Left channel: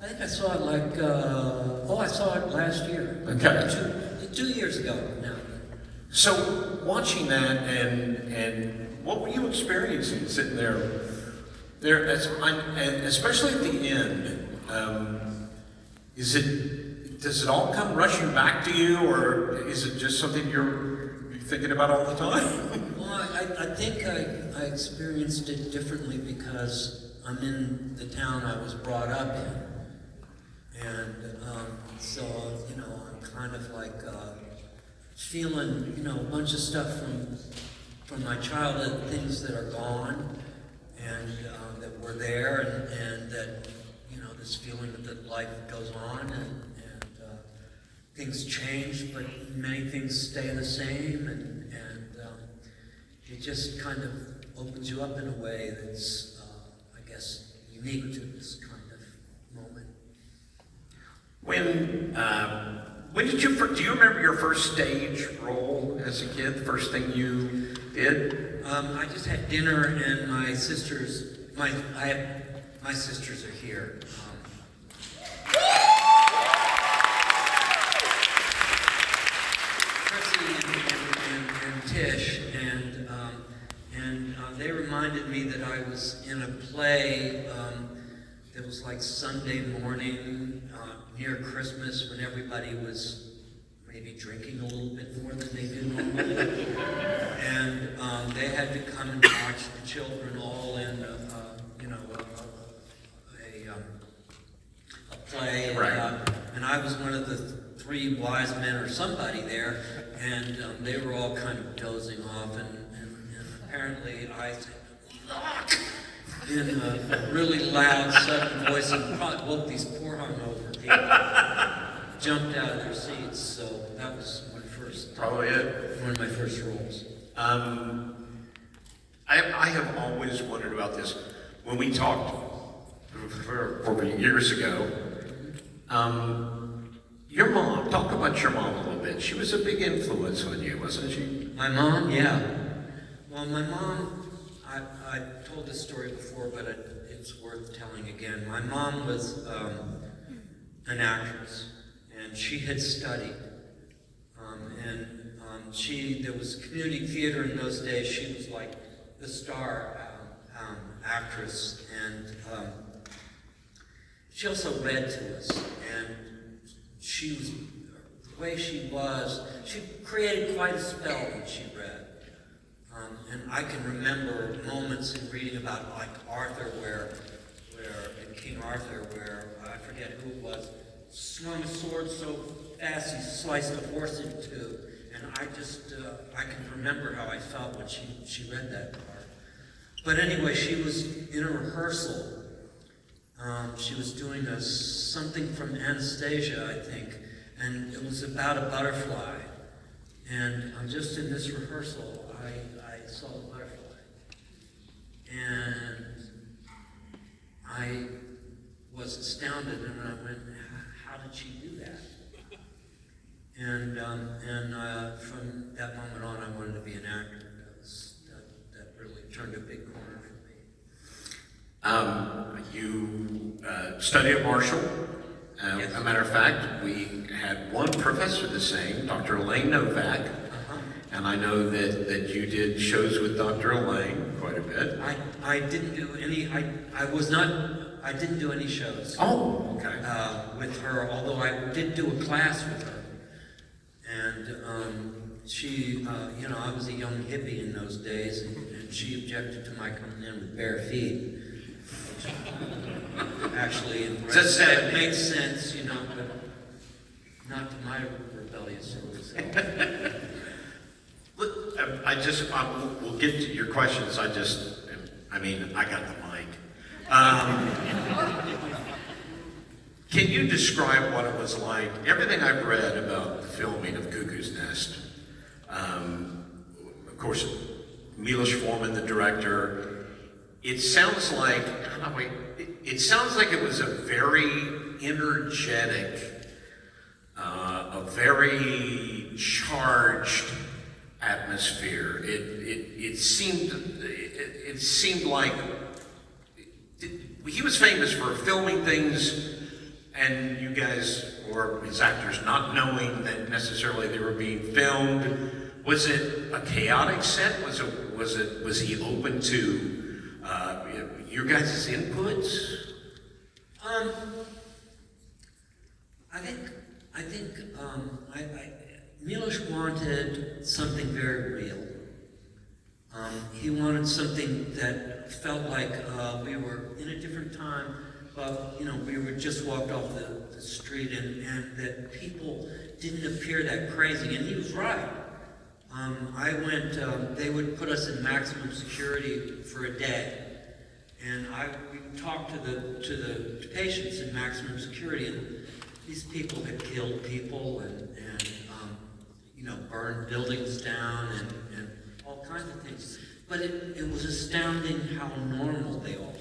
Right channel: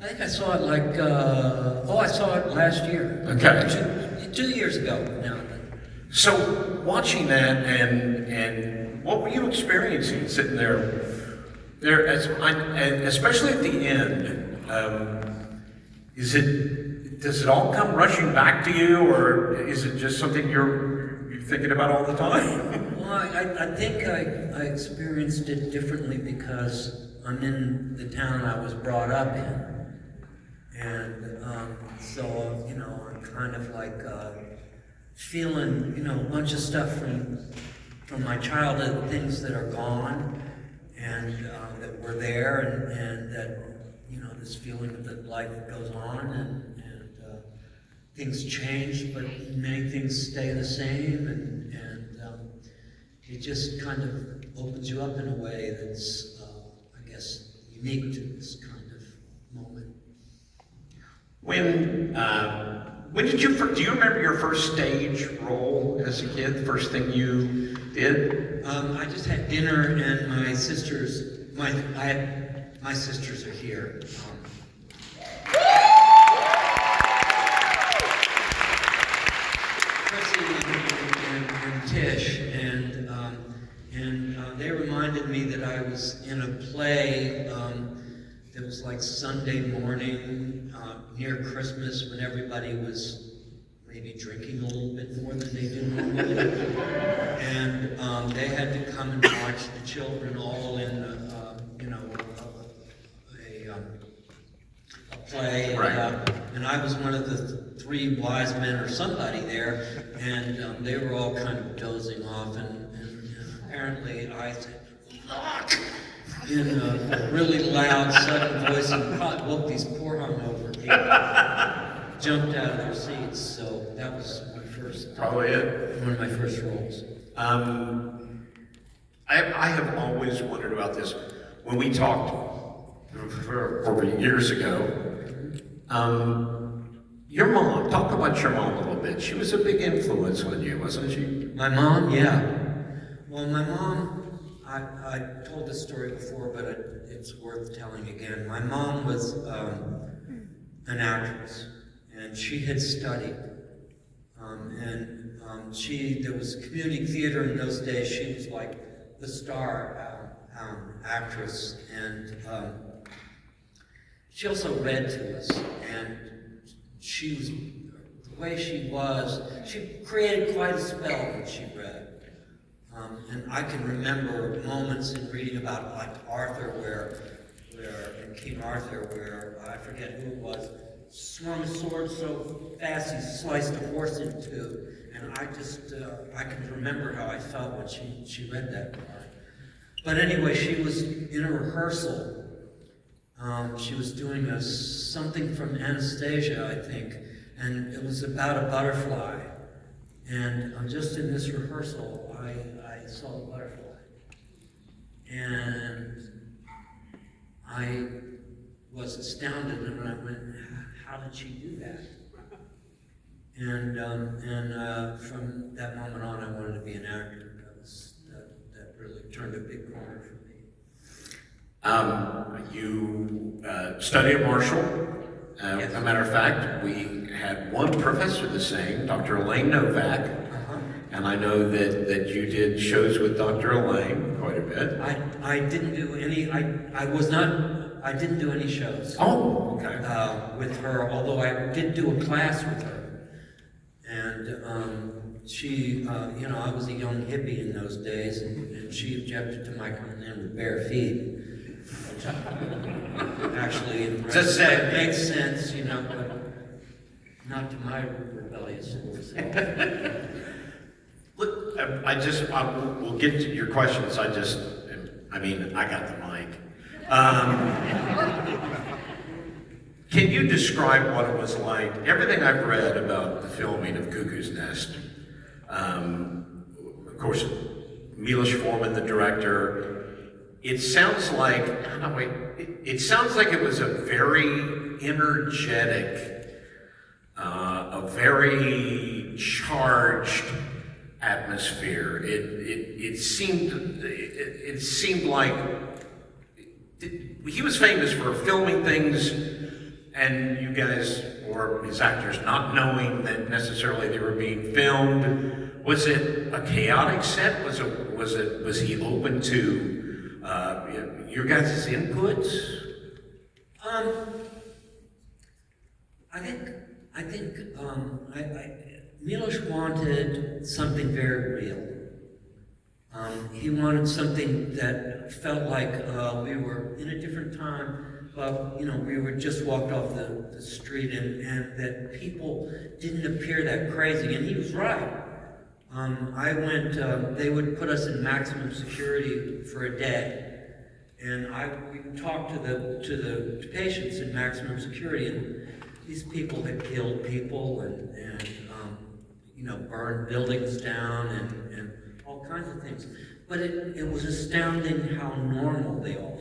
I think I saw it like, I saw it last year. Okay. Two years ago now. So watching that and what were you experiencing sitting there? And especially at the end, does it all come rushing back to you, or is it just something you're thinking about all the time? Well, I think I experienced it differently because I'm in the town I was brought up in. And so, I'm kind of like feeling, a bunch of stuff from my childhood, things that are gone and that were there, and that, this feeling that life goes on and things change, but many things stay the same, and it just kind of opens you up in a way that's, I guess, unique to this kind of moment. Do you remember your first stage role as a kid? The first thing you did? I just had dinner, and my sisters are here. And Tish, and they reminded me that I was in a play that was like Sunday morning near Christmas, when everybody was maybe drinking a little bit more than they do normally, and they had to come and watch the children all in a play, and I was one of the three wise men or somebody there, and they were all kind of dozing off, and apparently I said, "Look!" in a really loud, sudden voice, and woke these poor hungover people, jumped out of their seats. So that was my first, probably it. One of my first roles. I have always wondered about this. When we talked over years ago, your mom, talk about your mom a little bit. She was a big influence on you, wasn't she? My mom, yeah. Well, my mom, I told this story before, but it's worth telling again. My mom was an actress, and she had studied. There was community theater in those days. She was like the star actress, and she also read to us, and she was, the way she created quite a spell when she read. And I can remember moments in reading about like Arthur, where in King Arthur, where I forget who it was, swung a sword so fast he sliced a horse in two. And I can remember how I felt when she read that part. But anyway, she was in a rehearsal. She was doing something from Anastasia, I think, and it was about a butterfly. And just in this rehearsal, I saw a butterfly. And I was astounded, and I went, how did she do that? And from that moment on, I wanted to be an actor. That really turned a big corner for me. You studied at Marshall. Yes. As a matter of fact, we had one professor the same, Dr. Elaine Novak, and I know that you did shows with Dr. Elaine quite a bit. I didn't do any. I didn't do any shows. Oh, okay. With her, although I did do a class with her, and she, I was a young hippie in those days, and she objected to my coming in with bare feet. Actually, it makes sense, but not to my rebellious rules. Look, we'll get to your questions. I got the mic. Can you describe what it was like? Everything I've read about the filming of Cuckoo's Nest, of course, Milos Forman, the director, it sounds like it was a very energetic, a very charged atmosphere. It seemed like he was famous for filming things And you guys, or his actors, not knowing that necessarily they were being filmed, was it a chaotic set? Was he open to your guys' inputs? I think Milos wanted something very real. He wanted something that felt like we were in a different time, but we were just walked off the street, and that people didn't appear that crazy. And he was right. I went. They would put us in maximum security for a day, and we talked to the patients in maximum security, and these people had killed people and burned buildings down and all kinds of things. But it was astounding how normal they all